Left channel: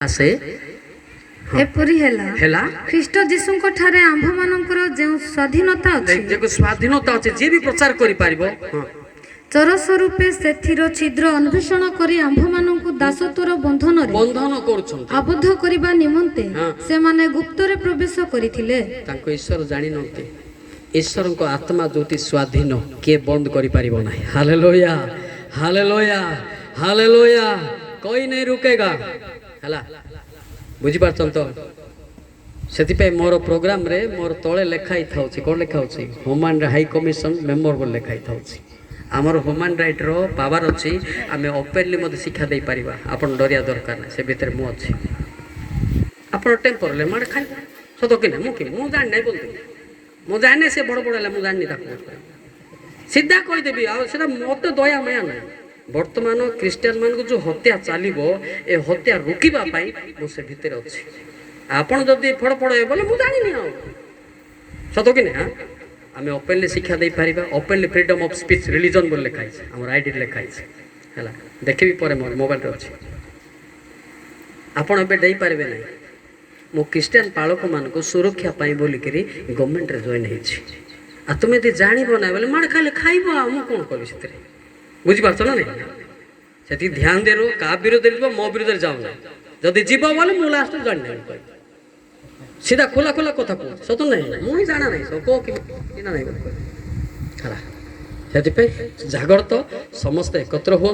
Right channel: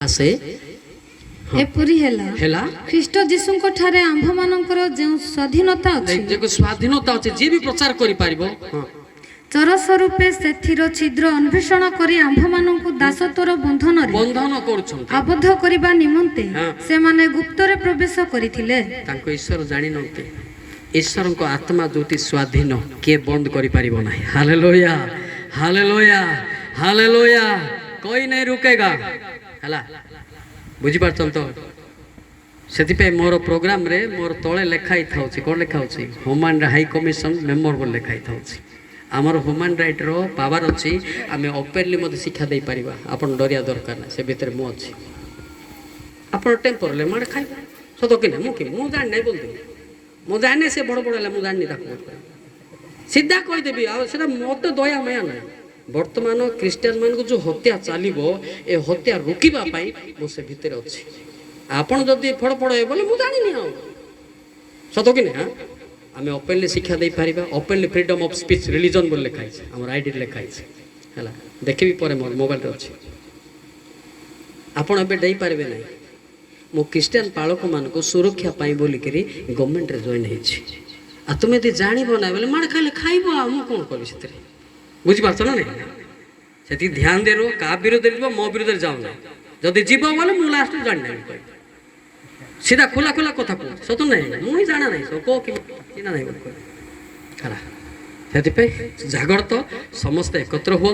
आसे एपरि हेला ख्रीष्ट जीसुंको ठारे आंभ मानकर जे स्वाधीनता अछि जे स्वाधीनता अछि जे भी प्रचार करि पारिबो चर स्वरूपे सेथिरो छिद्र अन्वेषण करी आंभ मानकु दासत्वर बंधन करूछन आबद्ध करिबा निमंते से माने गुप्तरे प्रवेश करिथिले तांको ईश्वर जानि नते ईश्वर को आत्मा जोटी स्वाधीन के बंद करि पारिबो नाही हालेलुया हालेलुया हालेलुया कोई नहीं रुकेगा हला बुझी पारछन तो सेति पे मोर प्रोग्राम रे मोर तळे लेखाई थाउछि कोन लेखाउछि ह्यूमन हाई कमिशन मेंबर बोल लेखाई थाउछि आमर ह्यूमन राइट रो पावर अछि आमे ओपनली मते शिक्षा दे परिबा आपण डरिया दरकार नै से भीतर मु अछि आपण टेम्पर ले मार खाइ सतो कि नै मु जान नै बोलते मु जाने से बड़ बड़ला मु जानि ताको सीधा कहि देबी आ सेटा मते दया माया नै वर्तमान क्रिश्चियन मान को जो हत्या चलो ए हत्या रोकवा मु से भितर अच्छी आपड़ जदि फड़फड़ हे बोले मुझे जानी सत कि ना आम ओपनली शिक्षा दे पार openly freedom of speech religion बोल लिखाई आम आईडी लिखाई है देखी पर मोर मोबाइल अच्छी आपड़ ए पारे ना मो क्रिश्चियन पालक मान सुरक्षा बोलिक गवर्नमेंट जॉइन हो तुम्हें यदि जानव ना बोले माड़ खाइले खाइब आ कौन करी से बुझीपार ना नहीं से ध्यान दे रो का विरोध मो विरोध जाऊना जदि जीव बोले मुझे लास्ट जान सीधा खोला खोला कथा कह सत ना मुझे जाना ना कह ना से जागृत समस्त एकत्र हूँ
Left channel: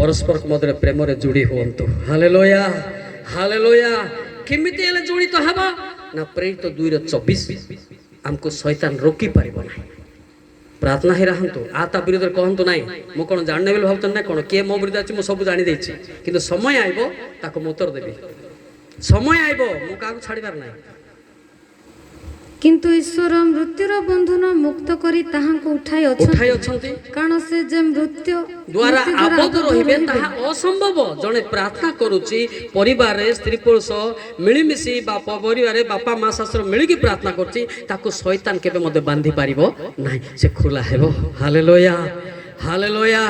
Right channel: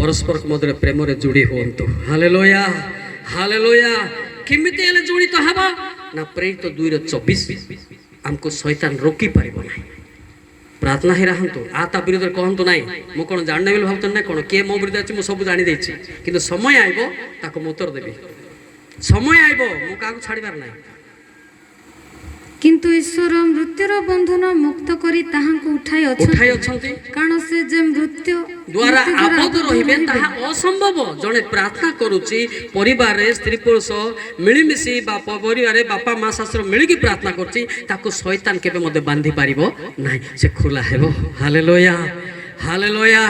परस्पर मध्य प्रेम जोड़ी हूँ हालेलुया हालेलुया केमिति हेले जोड़ित हबा ना प्रेरित 2:24 हमको शैतान रोकी पारिबो नाही प्रार्थना ही रहतु आता विरोध कहतु ना मु कौन जानना बोली भावत ना कौन किए मो विरोध अच्छी सब जानी कि समय आइब ताको उत्तर देवी समय आइब मु क्या छाड़बार ना किंतु ईश्वर मृत्युर बंधन मुक्त करी ताहांको उठाई अछंती कारण से जे मृत्यु द्वारा आबद्ध रहिबे ताहा असंभव जने प्रार्थना करूची परिवार रे स्त्री पुरुष मिलिमिशी बापा परिवार रे बापा मां शास्त्र मिलिकी प्रार्थना करची ताको शैतान केबे मते बांधी पारिबो नाही से खुला हेबो हालेलुया हालेलुया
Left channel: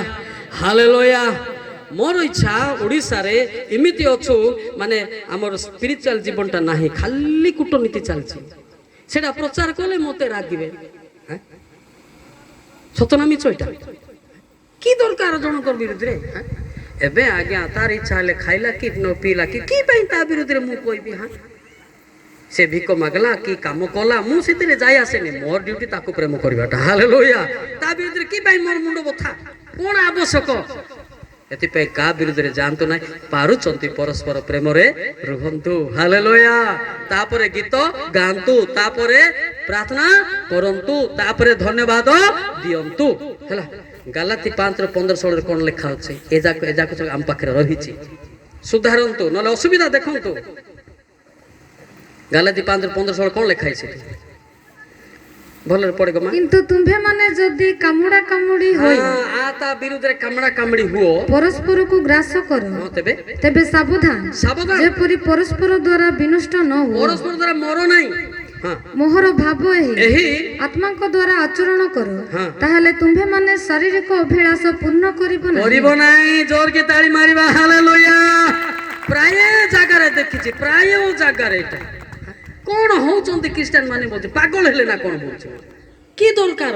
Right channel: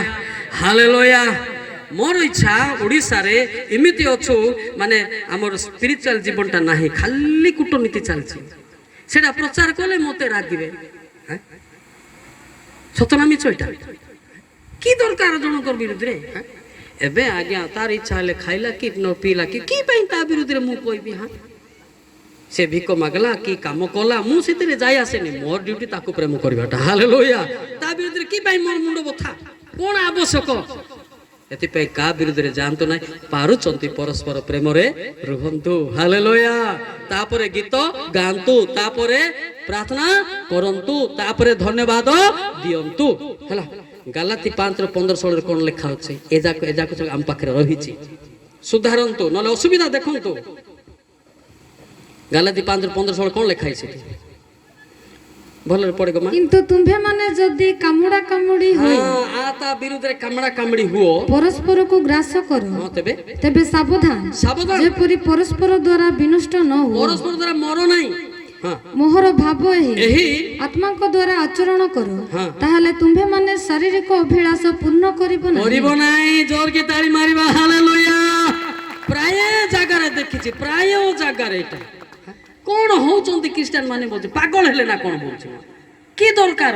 हालेलुया मोर इच्छा ओडिसा रे इमिति अछु माने हमर स्पिरिचुअल जीवनटा नाही खाली कूटनीति चलची सेटा प्रचार कले मते रागिबे सतनामी चोइटा की दरकार जनकर विरुद्ध रे एबे आज्ञा तार इच्छा ले खाइला कि न पीला कि पई ता विरुद्ध रे मु कहबी हां से भिक मागला कि काम कला मु सेते जाय आसे ने मोर ड्यूटी ताको प्रेम करबाटा हालेलुया ता विरुद्ध रे कि पई मोर मुंड बथा कोन आवश्यक एति पे का विरुद्ध रे जानतो नै पारुचंती परस्पर प्रेम रे रुहंतु हालेलुया तापरे गीत गांतु तापरे प्रार्थना करंतु तापरे धन्यवाद दियंतु हला गालाती 5:15-16 रे कोन लिखा अछि एजाको हम पाखरे रहिछि सुधारंतु नले असुविधा देखंतु गालाती 5:15-16 कोन लिखा अछि भल पड़ेगा किंतु तुम्हे माने जदी कामुडा कामुडी होई आता विरुद्ध रे कामडा कामडी हुओ परस्पर को ग्रास करो तेबे सावधान जे परि परस्पर द्वारा विनष्ट न हो परस्पर द्वारा मरो नाही मोहर भाव एही आत्मा को द्वारा आचरण करो ताहले तुम्हे माने शारीरिक अभिलाष पूर्ण करिबो नाही जोर के ताली मारिबा हालेलुया प्राय जागा रे देखिछि प्राय जागा रे एटा कौन होचंती क्रिश्चियन माने बोलते पागल हेले ना कौन बोलछ की दरकार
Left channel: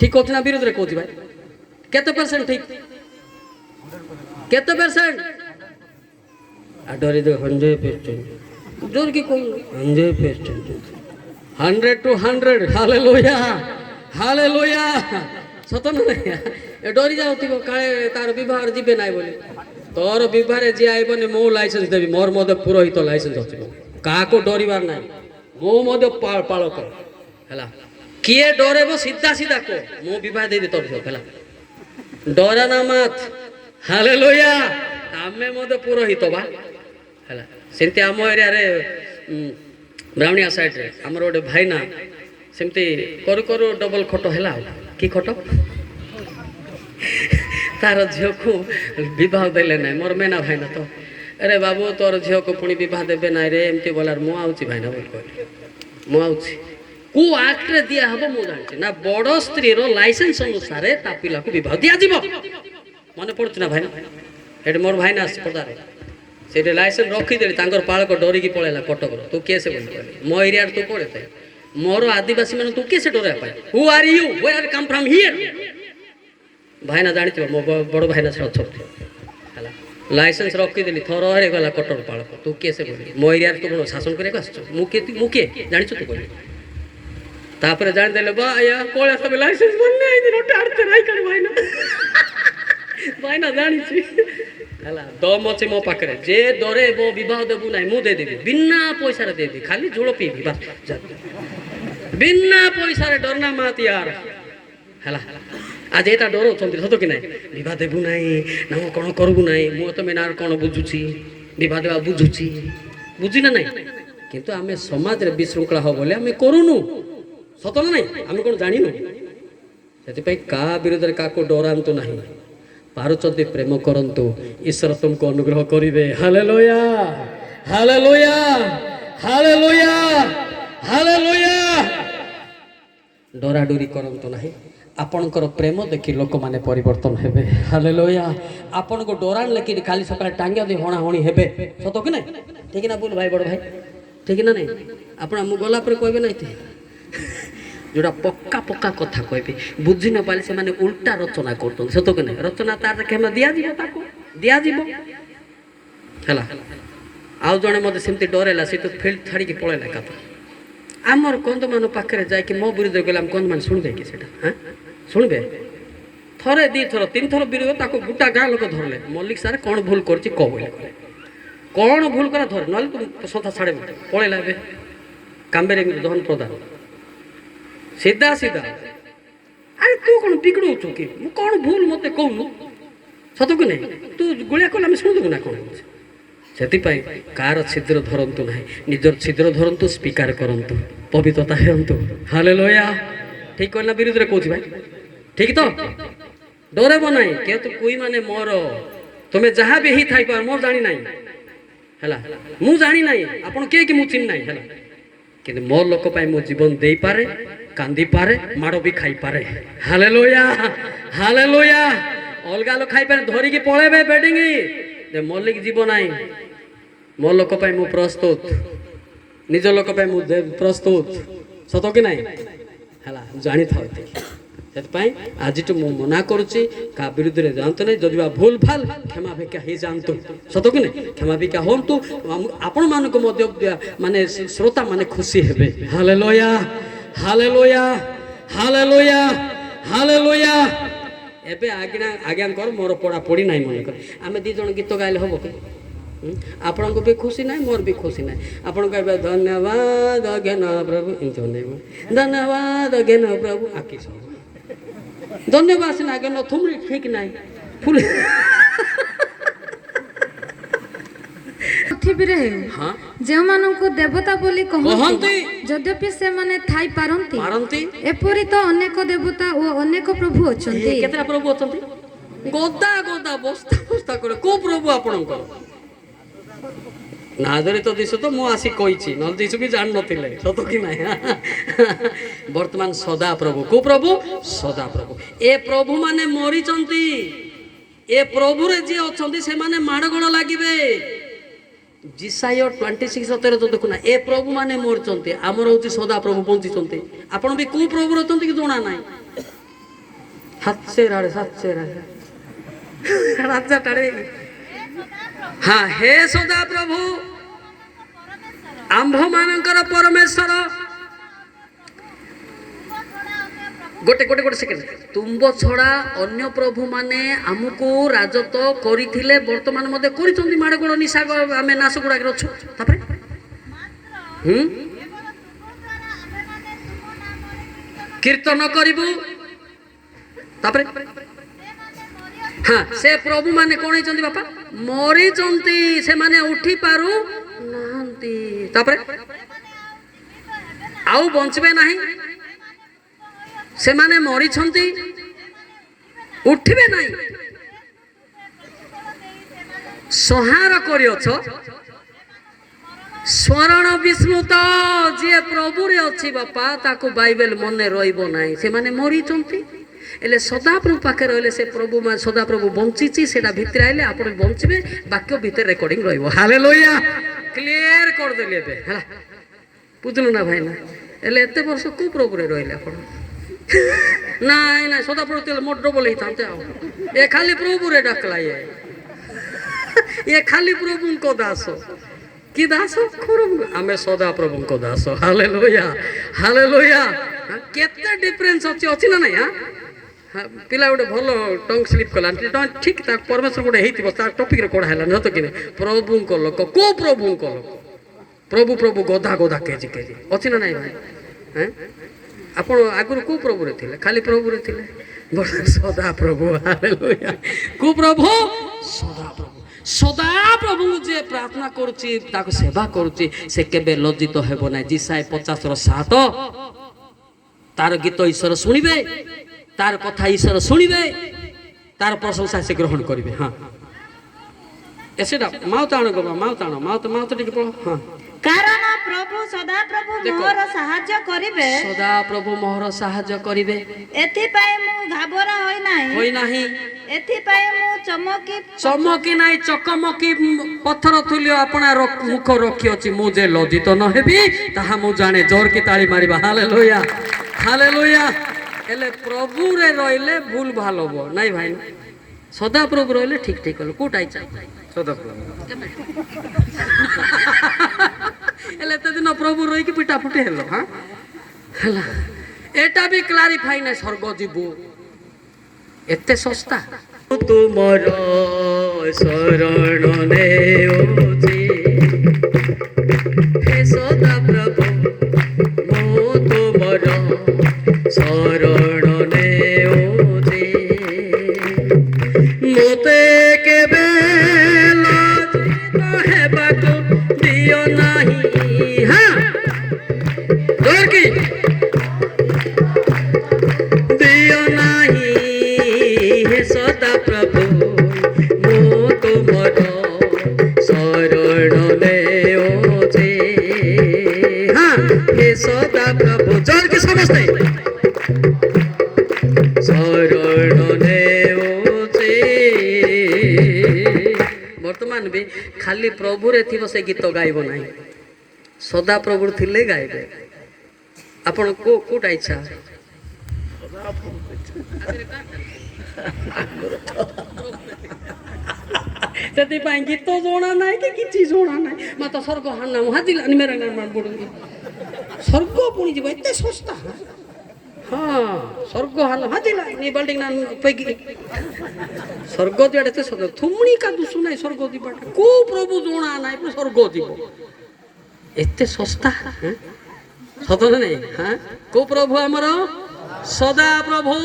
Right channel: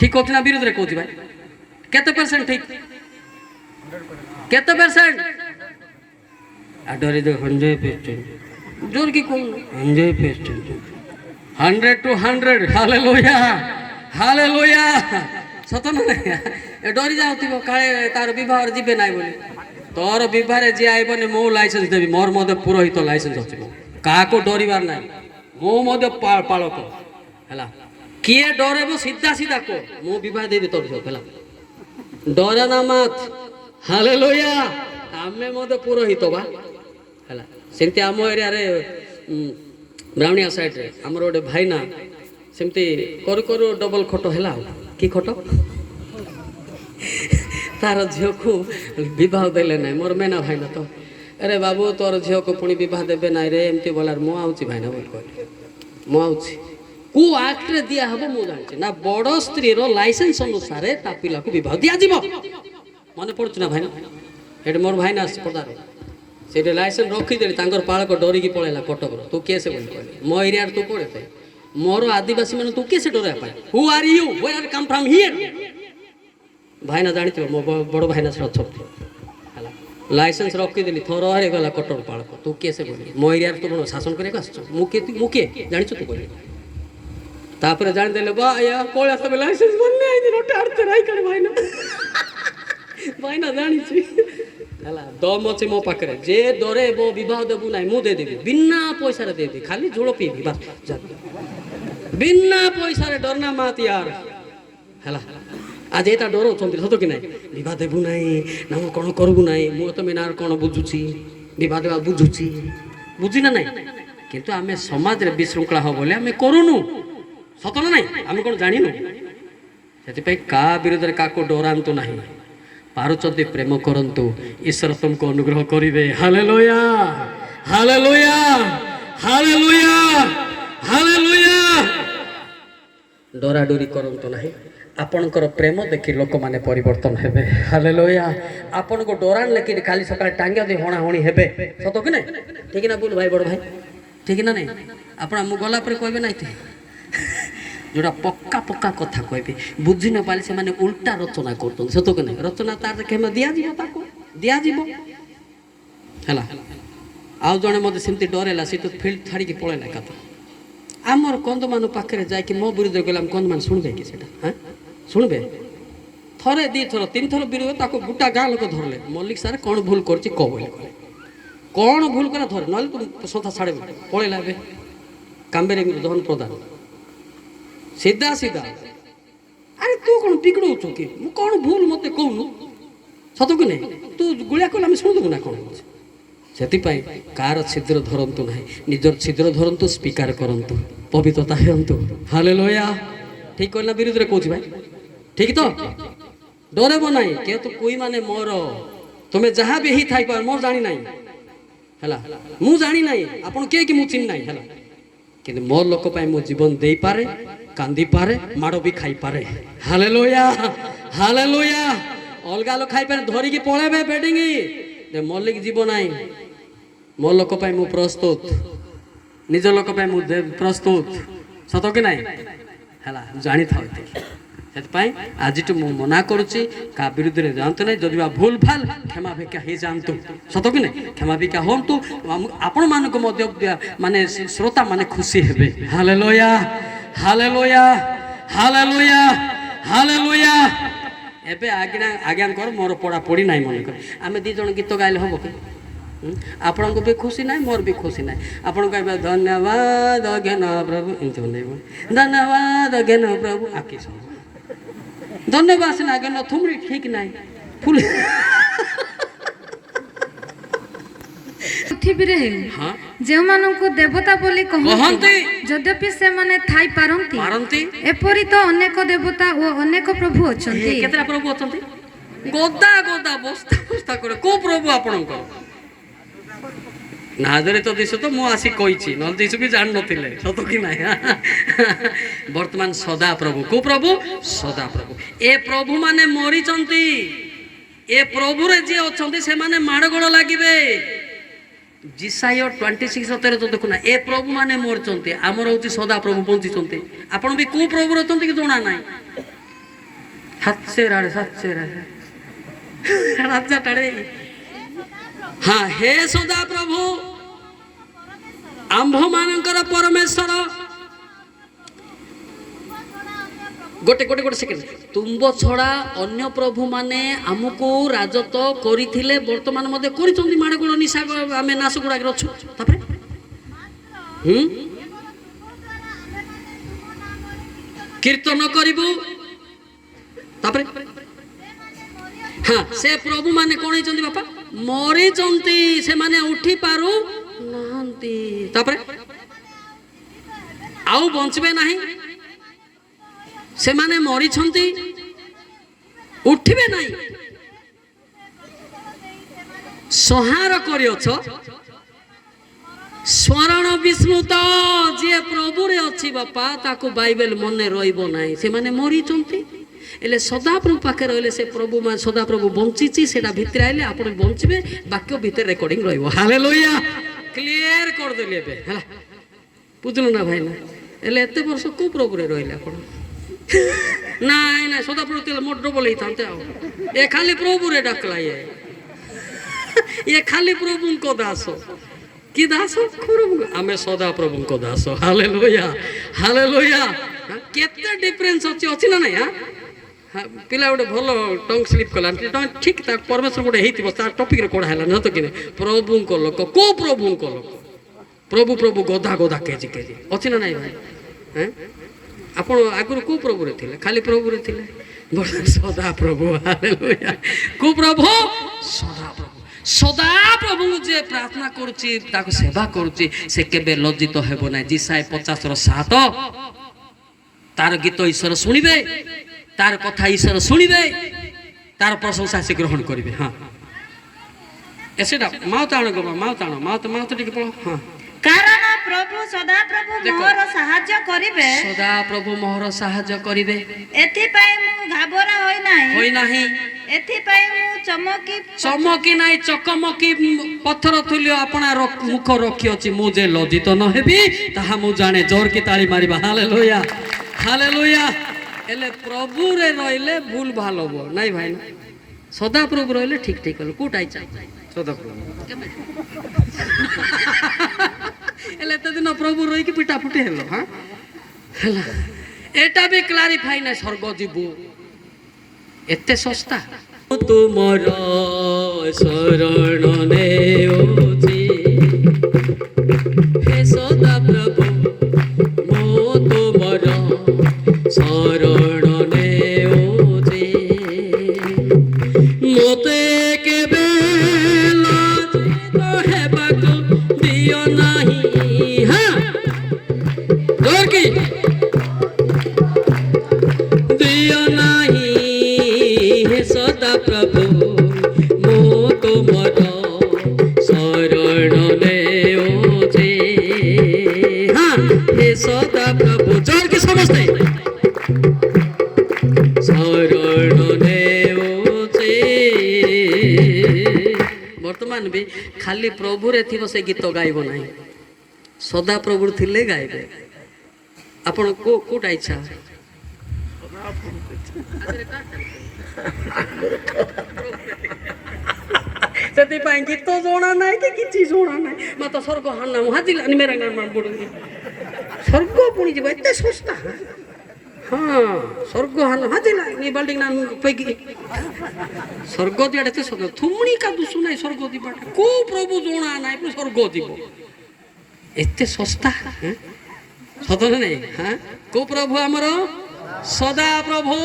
ठीक होत ना विरोध रे कोथि भाई केते परसेंट ठीक केते परसेंट आडरे दे 100% जोर की कोन 100% 100 to 100 हालेलुया हालेलुया सतन नहीं ए डरी जाउतिबो काळे तार विवाह जिबे नाइ बोले तोर विवाह रे जे आइबने मो लाइसेंस देबी मोर मदे पुरोहित लाइसेंस अछि का को डरिबार ना मो मदे पालक हला किए डरेबो सीधा सीधा को मो विवाह दे दे तोर हला डरा ना मत हालेलुया आमे मदे पुरोहित बा हला सेंते आम एरिया रे ब्राह्मणिया साइड रे हमर ओडे भाई ना सेंते करू करू डबल खटो हला की खटो तार झियो को विवाह देले ना मोर मेना भाई ना तो अरे बाबू तोर झियो को पुणी विवाह देबे ना रे एमती बोलार मु आउची भाई ना बोल मु आउची को एक्ट रे दिया हबो मु जानछि ना बड़ स्त्री रो लाइसेंस अनुसार ता पिला को विवाह दिया जिवो मने पड़छ ना भाई ना एड मोर भाई ना आस पड़दा रे ସେଠି ଲାଇସେନ୍ସ ରଖିଦେଲି ତାଙ୍କର ପାଳକ ଡରିକି ପଳେଇଲା କଟକର ତୁ କିଏ ସେ ବୋଲି କହିଲେ ମୋ ଏରିଆରେ ତୁ ପଳେଇଥାଏ ମୋର ଆଦିବାସୀ ମାନେ ତୁ କିଏ ସେ ଡରେଇବା ପାଇଁ who are you where come from here ଭାଇନା ଜାଣିଥିବ ମୋ ବଡ଼ ଭାଇନା ସେ ଅଛନ୍ତି ହେଲା ଲାଇସେନ୍ସ ରଖିଦେଲି ଥର ଗଲା କଟକ ପାଳକ ତୁ କିଏ ସେ କହିଲି ମୋ ଏରିଆରେ ତୁ କ'ଣ ଶାସନ କରିବାକୁ ଆସୁଛୁ ମୁଁ କିଏ ଜାଣିଛୁ ତୁ କହିଲି ତାପରେ ଜାଣିଦେଲେ ବା ପଳେଇ ଆସ ଲାଇସେନ୍ସ ଭାଇନା ଭାଇନା ଜାଣିଛି ହେଲା ଦମ ଅଛି ମୋ ପାଖରେ ଯେ ଡରେ ମୋ ବିବାହ ଦେବୁ ନାହିଁ ମୁଁ ଦେଇଦେବି ବିନା ପଇସାରେ ଦେଇଦେବି ଖାଲି ଝୋଳ ପିଇବି ବାସ୍ ବିନା ପଇସାରେ ଡରନା ମାତି ୟାର ହେଲା ଆଜି ଏଇଟା ଡରଉଛନ୍ତି ସତ କି ନାହିଁ ବିବାହ ଦେବୁ ନାହିଁ ନା ମୁଁ କ'ଣ କରିବୁ ନାହିଁ ମୁଁ ତମେ ନା କ'ଣ ବୁଝୁଛି ବିବାହ ଦେବା ବୁଝୁଛି ବୁଝି ନା ନାହିଁ କିନ୍ତୁ ଆମେ ସମାଜରେ ବିଶୃଙ୍ଖଳା ହବ ବୋଲି ଆମେ କରୁନୁ ସତ ନା ନାହିଁ ଆମେ କ'ଣ ଜାଣିନୁ ସେଥିପାଇଁ କାହା ବିରୁଦ୍ଧରେ କାହାକୁ ଡରାନ୍ତୁ ନାହିଁ ପାରୁଛନ୍ତି ପ୍ରେମ କରନ୍ତୁ ଈଶ୍ୱର ତୁମକୁ ଅନୁଗ୍ରହ କରିବେ ହାଲେଲୁୟା ହାଲେଲୁୟା ହାଲେଲୁୟା ହାଲେଲୁୟା ଡରାଡରି କରନ୍ତୁ ନାହିଁ ଆପଣଙ୍କର ପ୍ରେମ ଦେଖି ଲୋକମାନେ ପରିବର୍ତ୍ତନ ହେବେ ହାଲେଲୁୟା ଆପଣଙ୍କୁ ଡରାନ ଲେଖି କାଲି ସକାଳେ ଟାଙ୍ଗିଆ ଦେଇ ହଣାହଣି ହେବେ ସତ କି ନାହିଁ ଠିକ ନା ବୁଲ ଭାଇ ବଡ଼ ଭାଇ ଠିକ ନା ନାହିଁ ଆପଣ ମୁଁ ଗଲା ପରେ କହିବେ ନାହିଁ ଯୋଉଟା ପକ୍କା ପକ୍କା କଥା କହିବି ବୁଝି ନ ପାରିଲେ ସେମାନେ ଉଲ୍ଟା ରଚନା କରୁଛନ୍ତି ସତ କି ନାହିଁ ରଚନା ତାର କ୍ଷମା ଦିଆଯିବ ତାକୁ ଦିଆଯିବ ହେଲା ଆଉ ଜଣେ ମୋତେ ସେମିତି ଡରେଇଲା ସେ ତ ଫିଲ୍ଡ ଛାଡ଼ିକି ପଳେଇଲା ଏକାଥରେ ଆମର କନ୍ଧମାନ ପାଖରେ ଯାଇକି ମୋ ବିରୁଦ୍ଧରେ ଗଲେ ଆମେ କନ୍ଧମାନ ଶୁଣିବେ କି ସେଇଟା ହଁ ଶୁଣିବେ ଥରେ ଦୁଇଥର ତିନିଥର ବିରୁଦ୍ଧ ତାକୁ ଗୋଟା ଗାଁ ଲୋକ ଧରିଲେ ମଲ୍ଲିକ ସାର୍ କ'ଣ ଭୁଲ କରିଛି କହ ବୋଲି କ'ଣ ଭୁଲ କରା ଧରେ ନହେଲେ ତୁ ସନ୍ଥା ଛାଡ଼ିବୁ ପଳେଇଲା ଏବେ କାମ୍ବେରେ ଧନ ପ୍ରଧାନ ସିଧା ସିଧା ଆରେ ତୁ କ'ଣ ବିଗଡ଼ଉଛୁ କି ମୁଁ କ'ଣ ଭୁଲ ମୋତେ କହୁନୁ ସତ କି ନାହିଁ ତୁ ଗୁଳିଆ କଲେ ଆମେ ଶୁଣିଦେବୁ ନା କ'ଣ ସେଥିପାଇଁ କାହାର ଛିଦ୍ର ଧରନ୍ତୁ ନାହିଁ ନିଜର ଛିଦ୍ର ଧରନ୍ତୁ ସ୍ୱୀକାର କରନ୍ତୁ ପବିତ୍ରତା ହେଅନ୍ତୁ ହାଲେଲୁୟା ଠିକ କହିଲା ବିରୁଦ୍ଧରେ କହୁଛି ଭାଇ ଠିକ ତ ଡରେବ ନାହିଁ କେଉ ତ କୁଇ ମାନେ ମୋର ତୁମେ ଯାହା ବି ହେଇ ଥାଇପାର ମୋର ଜାଣି ନାହିଁ ହେଲା ମୁଁ ଜାଣି ନାହିଁ ଆପଣ କିଏ କି ମୁଁ ଚିହ୍ନି ନାହିଁ ହେଲା କିନ୍ତୁ ମୋ ଲୋକ ପାଇଁ ମୁଁ ଜୀବନ ଦେଇପାରେ କାନ୍ଦିପାରେ ମାଡ଼ ବି ଖାଇପାରେ ହାଲେଲୁୟା ହାଲେଲୁୟା ଅଲଗା ଲୋକ ଖାଇପାରେ ଧରିକି ପଳେଇବେ ବେଡିଙ୍ଗି ମଲ୍ଲିକ ଯିବ ନାହିଁ ମୋ ଲୋକ ପାଇଁ ମୁଁ ପ୍ରସ୍ତୁତ ନିଜ ଲୋକ ପାଇଁ ମୁଁ ପ୍ରସ୍ତୁତ ସତ କି ନାହିଁ ହେଲା ଜାଣିଥାଉ ସେଥିପାଇଁ ଆଜିଠୁ ମୁଁ ମନା କରୁଛି କାହା ବିରୁଦ୍ଧରେ ଯାଆନ୍ତୁ ନାହିଁ ଯଦି ବା ଭୁଲ ଭାଲ କ୍ଷମା ଭିକ୍ଷା ହେଇଯାଆନ୍ତୁ ସତ କି ନାହିଁ କ୍ଷମା ଭିକ୍ଷା ହୁଅନ୍ତୁ ଆପଣମାନଙ୍କୁ ମଧ୍ୟ ମାନେ ଶ୍ରୋତା ମାନେ ଖୁସି ହେବେ ହାଲେଲୁୟା ହାଲେଲୁୟା ହାଲେଲୁୟା ହାଲେଲୁୟା ଏବେ ଆଜ୍ଞା କର ମୋର ପଢ଼ାପଢ଼ି ନାହିଁ ମନେ କର ଆମେ ଦୁଇ ଜଣ ଗୀତ ଗାଇଲେ ହେବ କି ଆପଣଙ୍କୁ ବି ଖୁସି ନାହିଁ ମୋର ବି ଖୁସି ନାହିଁ ଆପଣ କହିବେ ଧନ୍ୟବାଦ ଜ୍ଞାନ ପ୍ରଭୁ ଏମିତି ଅନେଇବ ଧନ୍ୟବାଦ ଜ୍ଞାନ ପ୍ରଭୁ ଆକି ସବୁ ଧନ୍ୟବାଦ ସିନା ଜ୍ଞାନ ଥୁମରି ଠିକ ନାହିଁ ଫୁଲ ପୃଥିବୀରେ ଯେଉଁମାନଙ୍କୁ ଦେବତା ବୋଲି କହନ୍ତି ଯଦ୍ୟପି ସେମାନେ ଥାଇ ପାରନ୍ତି ଏପରି ତ ଅନେକ ଦେବତା ଓ ଅନେକ ପ୍ରଭୁ ଅଛନ୍ତି କେତେଟା ପ୍ରଭୁ ଅଛନ୍ତି ଗୋଦା ଗୋଦା ବସ୍ତା ବସ୍ତା করে କୋଉ ପ୍ରଭୁ ଆପଣଙ୍କର ନାଦରେ ତ ଦିଶୁ ତ ମୁଁ ଆସି କହିଛି ନହେଲେ ଦିଶୁ ବି ଜାଣିନଥିଲେ ସତ କି ନାହିଁ ବର୍ତ୍ତମାନ ସଦା ପ୍ରଭୁ କୋଉ ପ୍ରଭୁ ସଦା ପ୍ରଭୁ ଏ ପ୍ରଭୁ ମାନେ ମରିଛନ୍ତି ଏ ପ୍ରଭୁରେ ଯିଏ ଅଛନ୍ତି ସେମାନେ ମାଡ଼ଗୋଳ ଲାଗିବେ ଜିସାୟ 26:13 ତ ଦେଖୁନା ଏ ପ୍ରଭୁ ମାନେ ମରିଛନ୍ତି ଆମର ହଉଛି ସଦା ପ୍ରଭୁ ବଞ୍ଚିଛନ୍ତି ଆପଣ ବି କୋଉ ପ୍ରଭୁରେ ଅଛନ୍ତି କି ଜଣା ନାହିଁ ସାତଶେ ରାଜା ଟାଡ଼େ ହଁ ହେ ସଦା ପ୍ରଭୁ ଆମ୍ଭମାନଙ୍କର ପରମେଶ୍ୱର ଗୋଟେ ସେକେଣ୍ଡ ତୁମ୍ବ ଛଡ଼ା ଅନ୍ୟ ପ୍ରଭୁ ମାନେ ଆମକୁ ରାଜତ୍ୱ କରିଥିଲେ ବର୍ତ୍ତମାନ ମଧ୍ୟ କରିଛନ୍ତି ମାଡ଼ଗୋଳ ନିଶା ଆମେ ନାଶ ଗୁଡ଼ାକରେ ଅଛୁ ତାପରେ କୀର୍ତ୍ତନ କରିବୁ ତାପରେ ହଁ ସେ ପ୍ରଭୁ ମାନେ କ'ଣ ହେଇଛନ୍ତି ବାପା ମରିଛନ୍ତି ସେମାନେ ଉଠି ପାରୁ ନାହାନ୍ତି ତାପରେ ଆଉ ବଞ୍ଚିବେ ନାହିଁ ସେମାନେ ମରିଛନ୍ତି ଉଠିବେ ନାହିଁ ସଂହାର କରିଅଛ ସ୍ମରଣ ବିସ୍ମୃତ ଯିଏ ପ୍ରଭୁରେ ଅଛି ବାପା ତାକୁ ବାଇବେଲ ମନେ ରହିବ ନାହିଁ ସେମାନେ ମରିଛନ୍ତି ହେଲେ ସଦାପ୍ରଭୁ ପାଖରେ ରହିଲେ ସେ ପ୍ରଭୁ ସଦାପ୍ରଭୁ ବଞ୍ଚିଛି ସେଟା ଭିତରେ ଆଇଲେ ଆପଣ ବଞ୍ଚିବେ ବାକ୍ୟ ଭିତରେ ରେକର୍ଡିଂ ରହିବ ହାଲେଲୁୟା କ୍ଲିୟର କରିଦେଲି ଏବେ ହେଲା ବୁଝିଲୁ ନା ଭାଇ ନା ହେଲେ ଏତେ ବର୍ଷ କୋଉ ପ୍ରଭୁରେ ରହିଲେ ଆପଣ ନାଇଁ ନାଇଁ ସଦାପ୍ରଭୁ ଥିଲେ ମୋର ଡବଲ ହେଇଥାନ୍ତେ ଆଉ ଏ ଖାଲି ପ୍ରଭୁରେ ଡାକଲା ଇଏ ଖାଲି ପ୍ରଭୁଙ୍କ ଦାସ କି ଦାସ ଆମେ ସଦାପ୍ରଭୁଙ୍କ ଦାସ ହାଲେଲୁୟା ହାଲେଲୁୟା କେତେ ଡିଫରେନ୍ସ ଅଛି ନା ନାଇଁ ପିଲା ଗୋଟେ ଭଲ ଟଙ୍ଗ ସ୍ଲିପ୍ କଲା ଠିକ୍ ତା ପରମେଶ୍ୱର ଗୋଟେ ହେଇଥିବ ତା ଟପିକ୍ରେ କଢ଼ା ହେଲା ନୁହଁ ତ କି ପ୍ରଭୁଙ୍କ ଲୋକ କୋଉ ପ୍ରଭୁଙ୍କ ଲୋକ ପ୍ରଭୁ ପ୍ରଭୁ ଗଧା ଗଧା କେଜି କେଜି ଅଛି ନା ନାଇଁ ଭାଇ ଆପଣ ଆଗରୁ କୋଉ ପ୍ରଭୁରେ ଥିଲେ ଖାଲି ପ୍ରଭୁରେ ଥିଲେ ସଦାପ୍ରଭୁ ହାଲେଲୁୟା କୋଉ ପ୍ରଭୁ ସଦାପ୍ରଭୁ ସଦାପ୍ରଭୁଙ୍କୁ ଯିଏ ପ୍ରାର୍ଥନା କରୁଛି ତାକୁ ସେବା କରୁଛି ସେ କେବେ ଲଜ୍ଜିତ ହେବ ନାହିଁ ଜିସାଏ 50:7 ତାର ଗୀତ ଈଶ୍ୱର ଶୁଣିବେ ତାର କଥା ଈଶ୍ୱର ଶୁଣିବେ ତାର ପ୍ରଶଂସା ସେ ଗ୍ରହଣ କରିବେ ହଁ ଏସେଟା ମାଉତ ଆଣ ଗୋ ମାଉତ ଟିକେ ପଢ଼ ହଁ କାରଣ ପ୍ରଭୁ ସଦାପ୍ରଭୁ ମୋହର ସାହାଯ୍ୟ କରିବେ ସଦାପ୍ରଭୁ ମୋହର ସାହାଯ୍ୟ କରିବେ ଏଥିପାଇଁ ମୁଁ ଘାବରା ହୋଇନାହିଁ ଏଥିପାଇଁ ମୁଁ ଚମକି ନାହିଁ ଚକମକି ପଥର ତୁଲ୍ୟ ଆପଣା ମୁଖ ରଖିଅଛି ମୁଁ ଯେ ଲଜ୍ଜିତ ନ ହେବି ତାହା ମୁଁ ଜାଣେ ଜୋରକି ତାଳି ମାରିବା ହାଲେଲୁୟା ହାଲେଲୁୟା ହେଲେ ପ୍ରଭୁରେ ରହିଲେ ଭୁଲ ଭଲ ହବ ନାଇଁ ଭାଇ ନା ସଦାପ୍ରଭୁ ରହିଲେ ଠିକ୍ ଠିକ୍ ହলো କୋଉଟା ଇଚ୍ଛା ସଦାପ୍ରଭୁ ହେଲେ ଏତେ ଦିନ ପ୍ରଭୁ ରହିକି ପିଟା ଫୁଟି ହେଲ ହଁ ହେଲା ଏଟା ବି କ୍ଲାରିଫାଇ ନାହିଁ ସ୍ୱର୍ଗ ଯିବୁ ଏତେ ଶସ୍ତା ତୁମର ଶରଣ ନେଉଛି ହେ ସଦାପ୍ରଭୁ ମୁଁ ତୁମର ଶରଣ ନେଉଛି ମୋତେ କେବେ ଲଜ୍ଜିତ ହେବାକୁ ଦିଅ ନାହିଁ ଦିଅ ନାହିଁ ହେ ସଦାପ୍ରଭୁ ମୁଁ ତୁମର ଶରଣ ନେଉଛି ହେ ସଦାପ୍ରଭୁ ଜୋରକି ସମସ୍ତେ ଶରଣ ନେଉଛି ବର୍ତ୍ତମାନ ବି ଖାଲି ପ୍ରଭୁରେ ଥିବ ସେ ଗୀତ ଗାଇବ ନାହିଁ ସଦାପ୍ରଭୁ ଥିଲେ ଗାଇବେ ଆପଣ କୋଉଟା ଇଚ୍ଛା ସେଥିପାଇଁ ଗୀତ ଜଣା ନାହିଁ କି କିଛି ଜଣା ନାହିଁ ମତ ସ୍ୱର୍ଗ ହାନା ହାଜିଲାନି ମେରା ନାମ ପଡ଼ୁନି ସ୍ୱର୍ଗ ପୁଣି ଯିବ ଏତେ ଶସ୍ତା ହଁ ସ୍ୱର୍ଗ ହାଲ ହାଜିଲାନି ବାଲ୍ଟିଂ ନା ପେକି ସ୍ୱର୍ଗ ଯିବାଟା ଏତେ ଶସ୍ତା ଥୁମୁଣି କା ଦୁଶୁ ନାହିଁ ସ୍ୱର୍ଗ ଯିବାଟା କୋଉ ପ୍ରଭୁ ଜଣା ନାହିଁ ସ୍ୱର୍ଗ ଯିବ ଏତେ ଶସ୍ତା ସତରେ ନାଇଁ କୋଉ ପ୍ରଭୁ ଆମର ସଦାପ୍ରଭୁ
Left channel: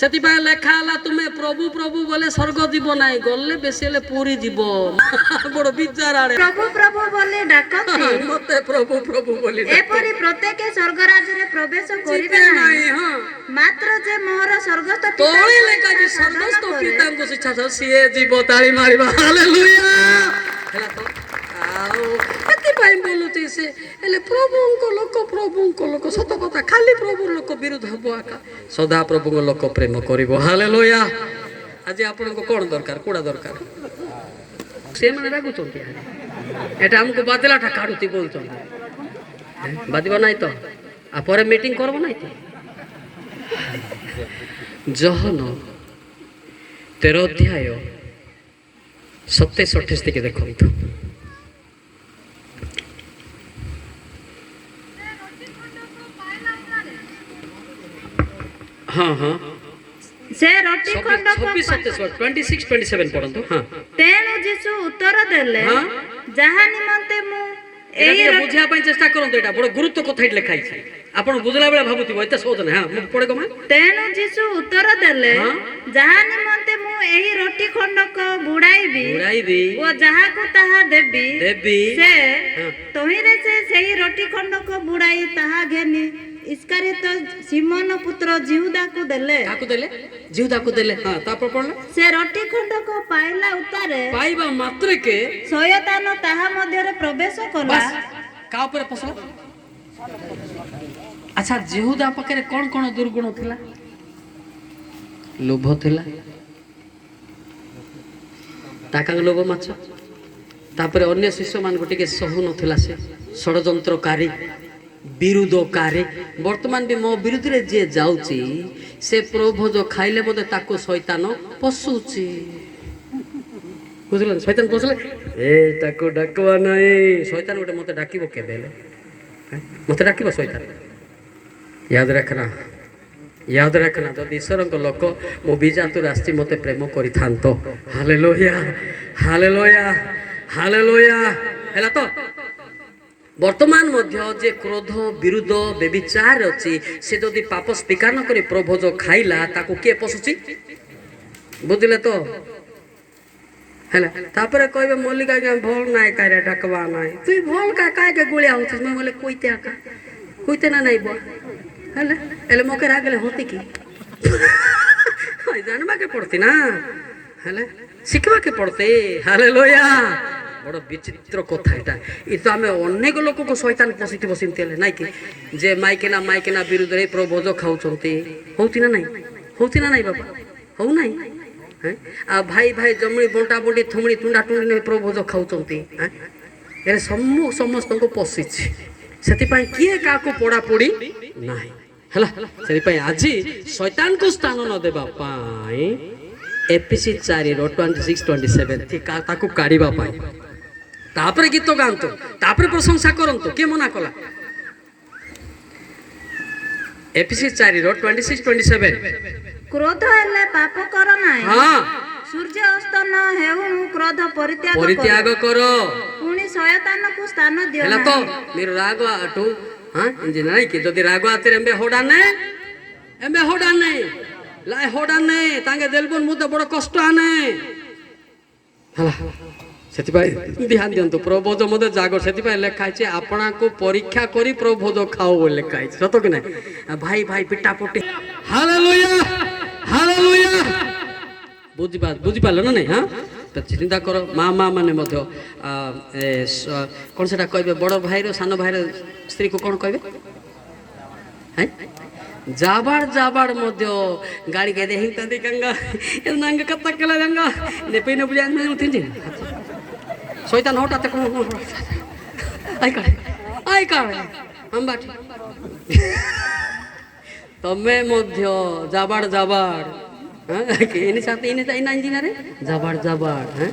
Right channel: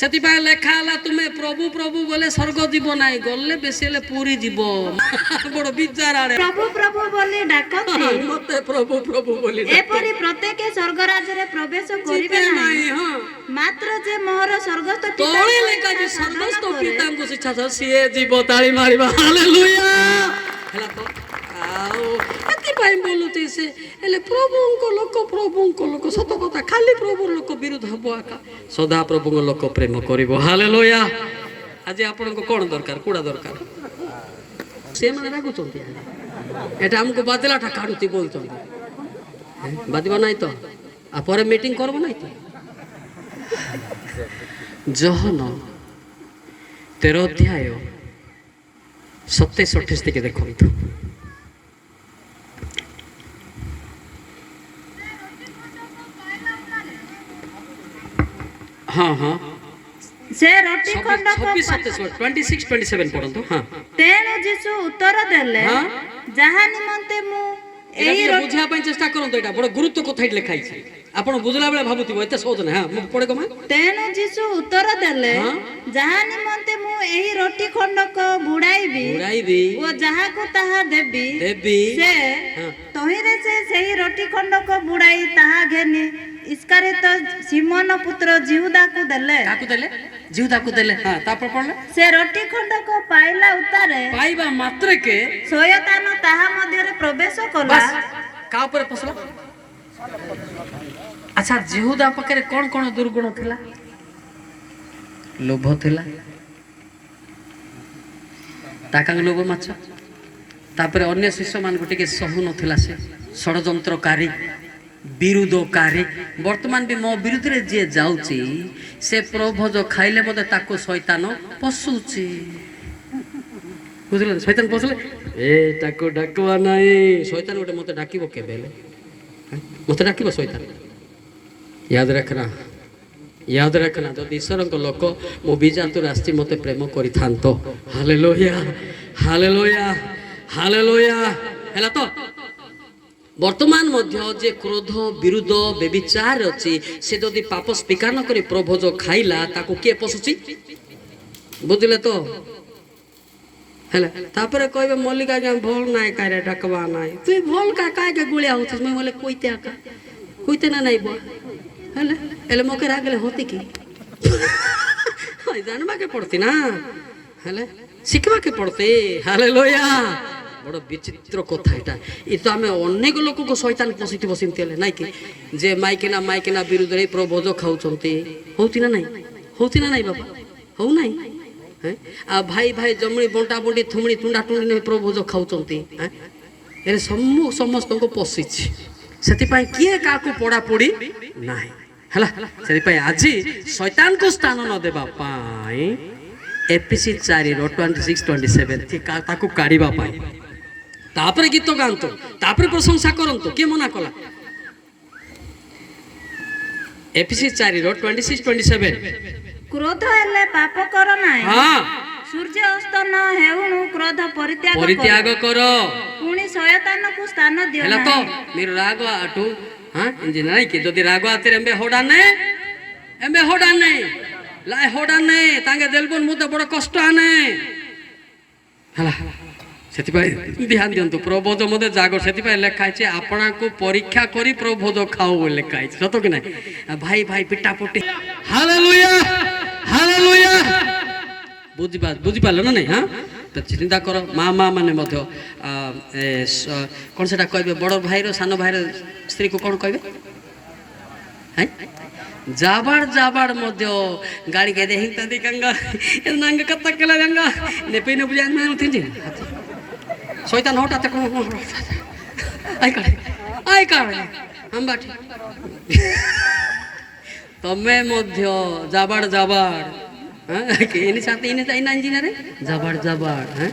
ସେଥିପାଇଁ ଲେଖା ହେଲା ତୁମେ ପ୍ରଭୁ ପ୍ରଭୁ ଗଲେ ସ୍ୱର୍ଗ ଯିବ ନାହିଁ ଗଲେ ବେଶୀ ହେଲେ ପୁରୀ ଯିବ ବଡ଼ ବିଚାର ଆଡ଼େ ପ୍ରଭୁ ପ୍ରଭୁ ବୋଲି ଡାକନ୍ତି ମତେ ପ୍ରଭୁ ପ୍ରଭୁ ବୋଲି ଏପରି ପ୍ରତ୍ୟେକ ସ୍ୱର୍ଗ ରାଜ୍ୟରେ ପ୍ରବେଶ କରିବେ ନାହିଁ ମାତ୍ର ଯେ ମୋହର ସ୍ୱର୍ଗସ୍ଥ ତଳେ ଲେଖା ଯେ ସ୍ୱର୍ଗସ୍ଥ ପିତାଙ୍କୁ ଶିକ୍ଷା ସିଏ ଯିବ ତାଳି ମାରିବା ହାଲେଲୁୟା ହେଲା ତ ଆଉ ଏଥିପାଇଁ ବୋଲୁଛି ସେ ହେଲେ ପ୍ରଭୁଙ୍କ ଲୋକ ସତ କଥା ଖାଲି ପ୍ରଭୁ ଲୋକ ବିରୁଦ୍ଧ ହବ ଆକା ସଦାପ୍ରଭୁଙ୍କ ଲୋକ ପ୍ରେମ କରିବ ହାଲେଲୁୟା ଆଜି ଆପଣଙ୍କୁ କ'ଣ ଦରକାର କୋଉଟା ଦରକାର ସେମାନେ ରାଗୁଛନ୍ତି ଏଟା ଆମକୁ ବାଦଲାଟା କାଢୁଛି ବୋଲୁଛନ୍ତି ବାଦିବ ନାହିଁ ତ ଆଉ ପରେ ମିଟିଂ କରବ ନାହିଁ ତ ଜହନ 13:27-28 ଟିକେ ଦେଖନ୍ତୁ हाँ हाँ से रोटी खंड को 26-27 पढ़ंतु हाँ तेणु जीसु उत्तर देले जहा निमंते मु एही बुझा पई चेष्टा करंतु एटा बड़ गुरुत्व कथा इट लिखाई छै आपण बुझला बेला भाबुतिबो एते सहज नै हां मु पढे गमा तेणु जीसु उत्तर देले जहा निमंते मु एही रोटी खंड को बुडाईबी ओ जहा को ताहा देबी से तोहिरे से सेही रोटी खंड को बुडाई ताहा घेनी इसकारे तो सिमोन पुत्र जिहुदा को देले हां तापर पड़ले से रोटी खंड को पाइला उतारे पाइबा मात्र के शयतान ताहा मध्य रे प्रवेश कला का ऊपर पसला अच्छा जिहुदा पकरे कोन कोन दुर्गुण थिला ଲୋଭ ଥିଲା, টাকা লোଭ ମାଛ। ତାପରେ ଅନ୍ୟ ଶିଷ୍ୟମାନଙ୍କୁ ଟିକେ ସହୁ ନଥିଲା, ସେ ଷଡ଼ଯନ୍ତ୍ରକାରୀ ବିରୁଦ୍ଧକାରୀ। ବର୍ତ୍ତମାନ ବି ମୋ ବିରୁଦ୍ଧରେ ଯିଏ ଯାଉଛି ସେ ପ୍ରଭୋଜ ଖାଇଲେ ମଧ୍ୟ ତାକୁ ଶୈତାନ ପଶୁଛି। ବୁଝିଲେ, ଶୈତାନ ପଶିଲେ ଏ ତାକୁ ଡାକିବା ନାହିଁ। ଶୈତାନ ଗୋଟେ ମତେ ଡାକିବ କେବେ ହେଲେ? ମତେ ଡାକିବ ଶୈତାନ? ୟାଦ ରଖନା, ୟାଦ ରଖନା। ଯଦି ଈଶ୍ୱରଙ୍କ ଲୋକ ମୋ ବିଜାତୁର ଆସିଛି ମତେ ପ୍ରେମ କରିଥାନ୍ତ। Hallelujah, hallelujah, hallelujah. ହେଲା ତ? ବର୍ତ୍ତମାନ ମଧ୍ୟ ଯେ କ୍ରୋଧ, ବିରୁଦ୍ଧ, ବେବିଚାର ଅଛି, ସେ ଯଦି ପାପ ସ୍ୱୀକାର ନ କରି ପ୍ରଭୋଜ ଖାଇଲା ତାକୁ କିଏ ପଶୁଛି? ବୁଝିଲେ ତ? ହେଲା, ତାପରେ କହିବେ ମଲ୍ଲିକା ଆଜ୍ଞା ଭଲ ନାଇଁ କାରେ ଡାକବା ନାଇଁ। ତୁଇ ଭଲ କାକେ ଗୁଳିଆ ହଉଥିস? ମୁଁ ବୋଲେ কইতে আকা কইতে না নাইব। ହେଲେ ହେଲେ মোকে রাগলে হতি কি জানবাকে পড়তি না, ହେଲେ শিখবাকে পড়তে। হালেলুয়া। বড় বিচিত্র কথা এটা। এ তো আমি অনেক লোককে শয়তান পশিথিব সেমতি হেলে নাই কি, যে মাইকিনা বিরুদ্ধে প্রভোজ খাউଛନ୍ତି। হউতি না নাই? হউতি না নাই বাবা? হউ নাই? হ্যাঁ, আর ভাই ভাই জমনি বଣ୍ଟା বଣ୍ଟି থুমড়ি টুଣ୍ଡା টুଣ୍ଡି ନେଇ ପ୍ରଭୋଜ ଖାଉଛନ୍ତି। ଏ ସମସ୍ତଙ୍କୁ ପଶିଛି। ସେଥିପାଇଁ କିଏ କାହାକୁ ପୋଡ଼ାପୋଡ଼ି ନାହିଁ। ହେଲା, ସେଥିପାଇଁ ଆଜି ଶୈତାନକୁ ସ୍ଥାନ ନ ଦେବା ପାଇଁ ଏଫିସି 4:26-27 ତାକୁ କାଢ଼ିବା ପାଇଁ। ତାପରେ ଗୀତ ଗାଆନ୍ତୁ, ତାପରେ ପ୍ରଶଂସା କରନ୍ତୁ। କିଏ ମନା କଲା? ଏଫିସି 4:26-27। କ୍ରୋଧ ହେଲେ ପାପ କର ନାହିଁ। ହଁ, ସୂର୍ଯ୍ୟ ଅସ୍ତ ନ ହେଉଣୁ କ୍ରୋଧ ପରିତ୍ୟାଗ କର। ପୁଣି ଶୟତାନକୁ ସ୍ଥାନ ଦିଅ ହେଲା ତ? ନାହିଁ। మీరు రాగు అటు ఇంజి নাই কি যদি রাগু আতের এমবে হোডানে লাই হোডানে তাঙ্গে দেলবন মুদে বড় কষ্ট আনে। ହେଲା, ସେଥିପାଇଁ ଧ୍ୟାନ ଦିଅନ୍ତୁ। ପ୍ରଭୋଜ ମଧ୍ୟ ଜାଗ। ସେଥିପାଇଁ ଲେଖା ହେଇଛି ଆପଣଙ୍କୁ ପରୀକ୍ଷା କରି ପ୍ରଭୋଜ ଖାଉ ବୋଲି ଲେଖା ହେଇଛି। ସତ କି ନାହିଁ? ଭାଇ ଭାଇ ପିଟା ପୁଟି। Hallelujah, hallelujah. ବୁଝିପାରିଲ ନା ନାଇଁ? ହଁ, ତ ଚିନ୍ତା କର। ମା ମାନେ ମଧ୍ୟ କ'ଣ ସେଟା କହିବେ? ବଡ଼ ଭାଇର ସାନ ଭାଇର ସ୍ତ୍ରୀକୁ କ'ଣ କହିବେ? ଜାବାଡ଼ ମଧ୍ୟ ଗାଡ଼ି କେ ଦେହି ଗଙ୍ଗା ନାଙ୍ଗ କତା କେଲା ଗଙ୍ଗା ନେପେ ନ ବୁଝା ମୁଁ ତିಂಜಿ শয়তান হঠাৎ কোন আই কারে আমবাটি তমে ମଧ୍ୟ জাবাড় হ্যাঁ এনি সাথে এনি তাই না ইঞ্জিনিয়ারে জাবাড় হ্যাঁ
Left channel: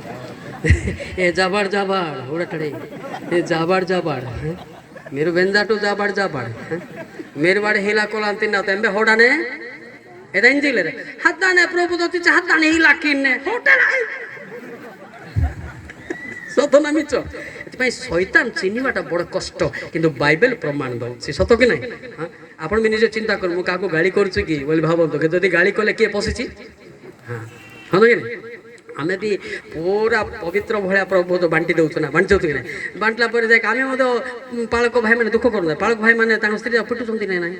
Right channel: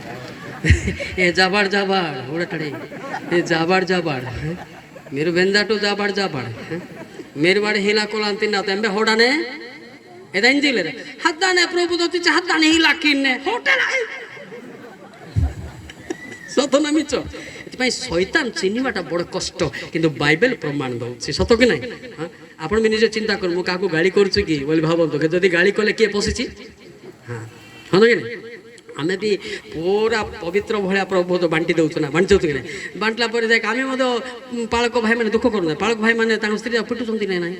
এ জাবাড় ওড়াটড়ে এ জাবাড় হ্যাঁ मेरे बेंजा टू जाबाड़ हैं मेरे बाड़े हिला कोला तिन्ना तेंबे होड़ाने एदा इंजिले रे हत्ताने प्रभु दोति हत्ताने हिला किन्ने होटल सतना मिच एतपई शैतान चिन्हिबाटा बड़ कष्ट किंतु बाइबल प्रमाण दउछि सत कि नै हां आपण भी निजे चिंता कर मु काको गाली करछु कि बोली भाबंतो के जदी गाली कले के पसिछि हां हन कि आमे भी पूरा पवित्र भाया प्रभोज बांटी दउछु ना बांटी कि बांटला पर जाय आमे मद पालक भाई माने दुख करन पालक भाई माने तांग स्त्री पिटुछंती नै नै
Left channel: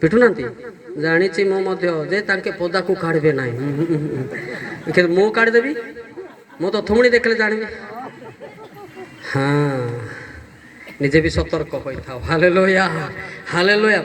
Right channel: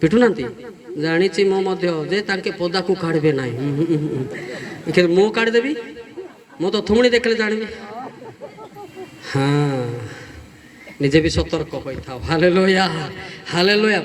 पिटु नांती जानि छि मो मध्य जे तांके पदा को काढबे नै के मो काढ देबी मो तो थुमणी देखले जानिबी हां निजे भी सतर्क होई था हालेलुया हालेलुया।